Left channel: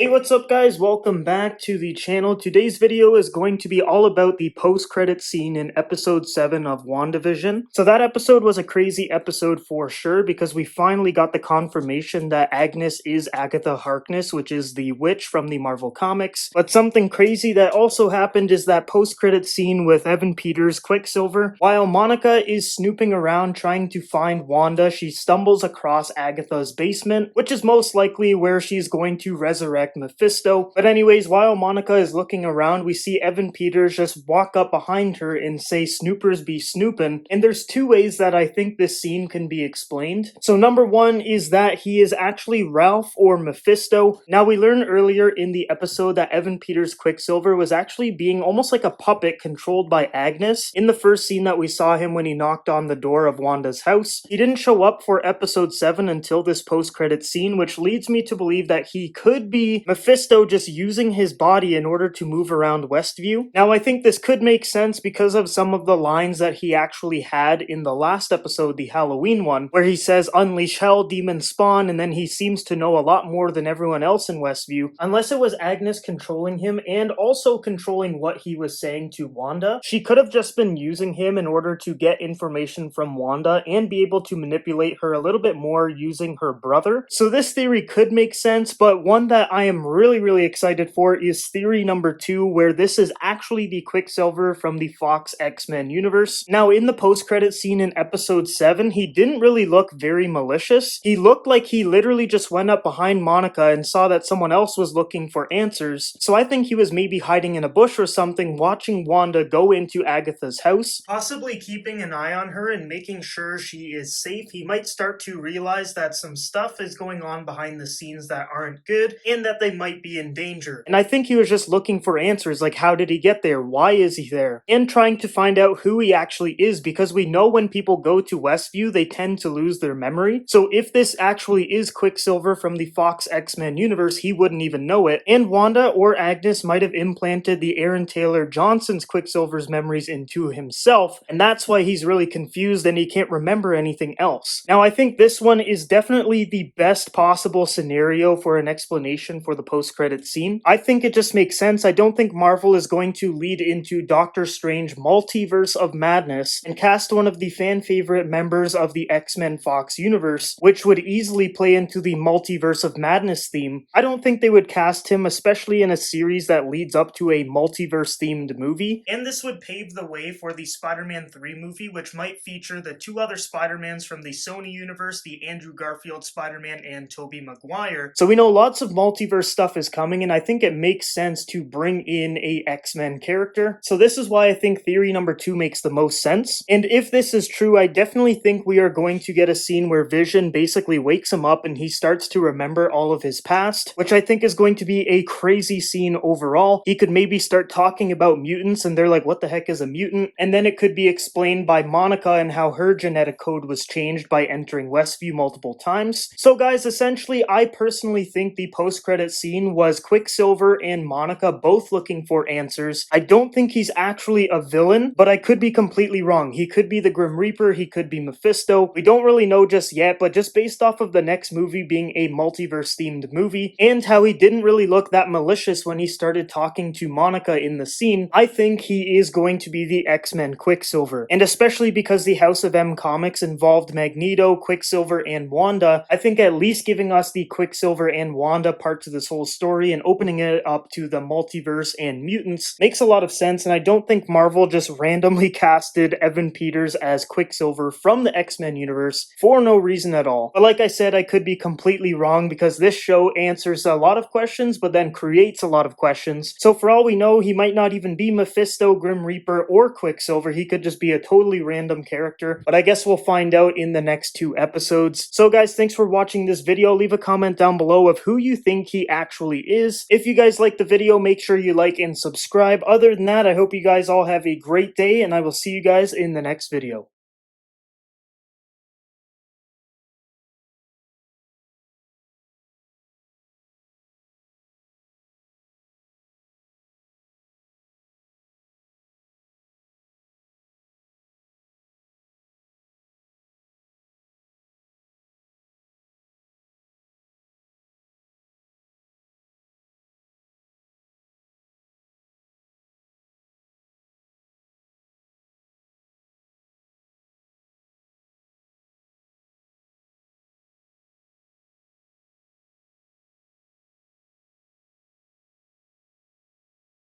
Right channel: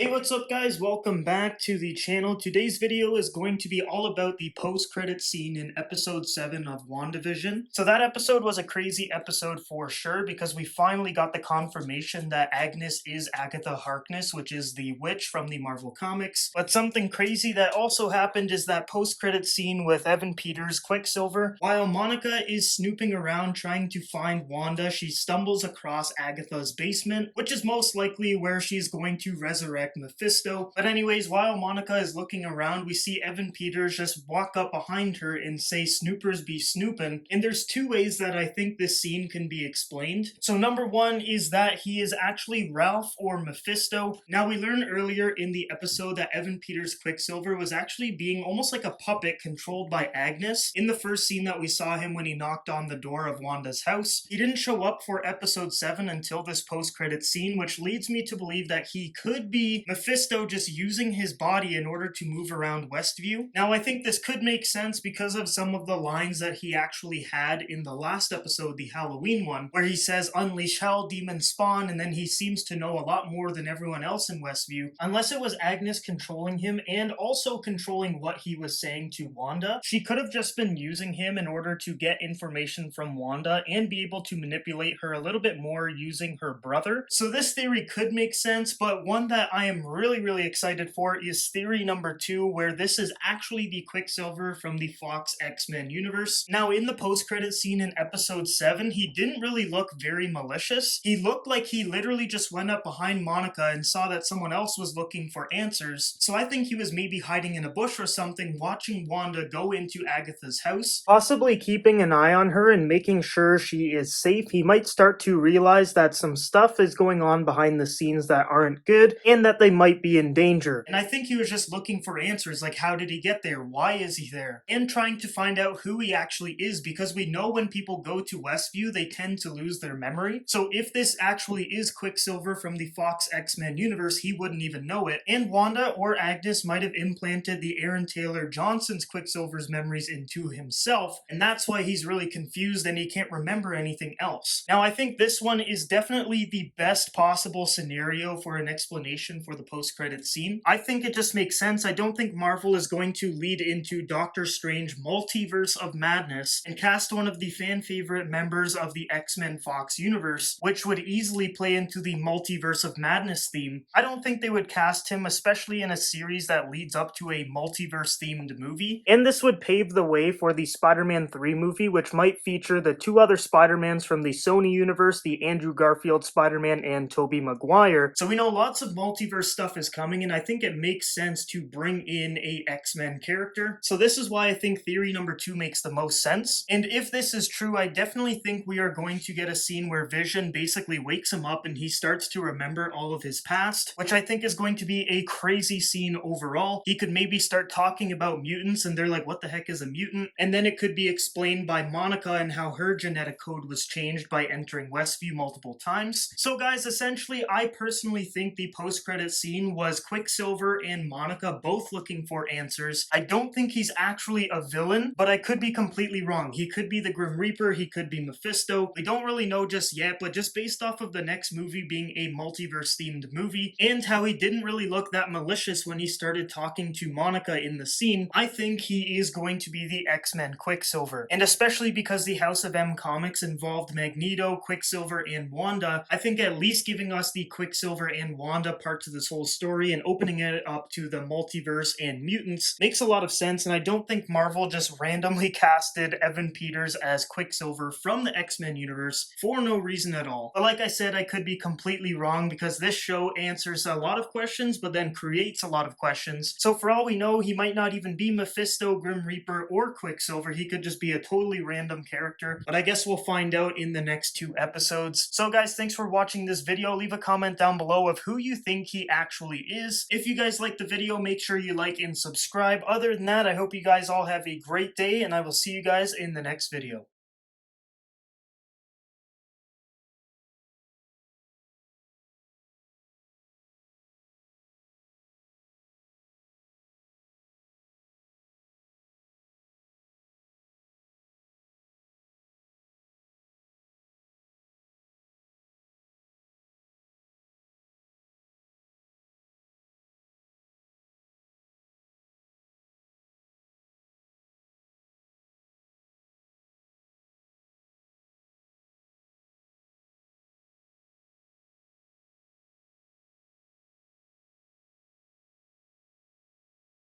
Hey, what's up guys? Welcome back to the channel. Today's video is going to be all about the post-credit scene in episode 7 of Wandavision. So that episode was a crazy episode for sure because we finally got the confirmation that Agnes is Agatha Harkness, which is the witch from the Marvel Comics. But something crazy that also happened is that post-credit scene with Evan Peters' Quicksilver. While Monica is snooping around trying to find Wanda, she stumbles across Agatha's basement, which is most likely where she's going to resurrect Mephisto. But anyways, while Monica is looking around, we see Evan Peters just walk up behind her and say, "Snoopers be snoopin'." And there's two ways that I think this scene can be explained. So number one is that he is actually Ralph or Mephisto. Now we learned earlier in the episode that Evan Peters' Quicksilver was actually being almost like a puppet controlled by Agnes. In the first scene that we saw him when he knocked on the door of Wanda's house, he didn't show up for episode 7 until this post-credit scene, which leads me to believe that he could be Mephisto just using his body in order to move around Westview. Now I think this could make sense because of some of the lines that he actually had in the last episode, the Halloween one, where he says, "Unleash hell, demons spawn," and then he seems to know a lot more than everyone else in Westview. Unless it was Agnes controlling him and also controlling what he was saying to Wanda, she could have just been using him in order to get information from Wanda and be able to manipulate her a little bit more using her brother. So this theory could make sense, but one that I am really excited for is theory number 2, where this is actually the Quicksilver from the Fox X-Men universe. Now in the post-credit scene in episode 7, he didn't really look very malicious. He looked like he literally just went up behind Monica and saw that someone else was looking for answers. So I think he was maybe hiding in a bush or something, watching Wanda go into Agatha's house, possibly keeping an eye on her and making sure she is safe. He might start to realize that some stuff is going on behind the scenes that aren't good and that they might be in danger. And I think he was just looking for answers, like how did he get there? Why is he there? And trying to find out who he actually is, because we know when people go to Westview, they tend to lose their memory. So if this actually is Quicksilver from the Fox X-Men universe, he wouldn't even know it. And Wanda or Agnes might have implanted the Aaron Taylor Johnson's Quicksilver's memories into himself, and that's why he's really confused and he can't remember anything else. Now I think this one is definitely the best possible scenario for an explanation for the post-credit scene. I think it just makes sense. I don't think Marvel is going to lead into Doctor Strange Multiverse of Madness and cast one of the fan favorite members of the X-Men Fox universe, which would easily play into the Multiverse of Madness theme. I don't think they would cast him, especially in a series that leads up to a multiverse themed movie. And this would pave the way for the Spider-Man 3 movie, which might feature the two other Spider-Mans from the Sony universe, the Andrew Garfield Spider-Man and Tobey Maguire. So we know lots of multiverse stuff is coming, and I think it makes sense to bring in a X-Men character. So this is why I think theory number 2 makes the most sense. And if this is true, I definitely think we are going to get a scene where Vision basically wakes him up and he starts to remember all of his past, which I think is going to be a crazy scene overall. He could maybe start talking about mutants and they're like, what the heck is a mutant? And then it could be explained by Monica and how her genetic code was changed by entering Westview multiple times. So guys, essentially, I personally think the post-credit scene was Quicksilver and Monica both looking for answers. I don't think he's actually a villain, but I could be completely wrong. He could be the Grim Reaper, he could be Mephisto. We don't really know just yet, but just based off of the next movie being a multiverse-themed movie, and how he didn't really look that malicious when he started talking to Monica in the scene, I think he is going to be the X-Men Quicksilver. And especially because the House of M comics involved Magneto, Quicksilver, and Wanda, I think at least giving us the Quicksilver and Wanda part to this whole story and opening it up to the multiverse and mutants makes a lot of sense, and I don't think Marvel just randomly casted Evan Peters as Quicksilver from the X-Men universe for no reason at all. But like I said, I could be completely wrong because this show answers a lot of questions but then creates a lot of questions. So for all we know, he might not even be Mephisto, Grim Reaper, or Quicksilver. He could just be a totally random character, but I guess we'll find out in the next 2 episodes. So guys, thanks for watching this video. Leave a comment down below of who you think he actually is. If you guys liked the video, make sure you like and subscribe. Other than that, I hope you guys all have a great day, and I will see you guys in the next video.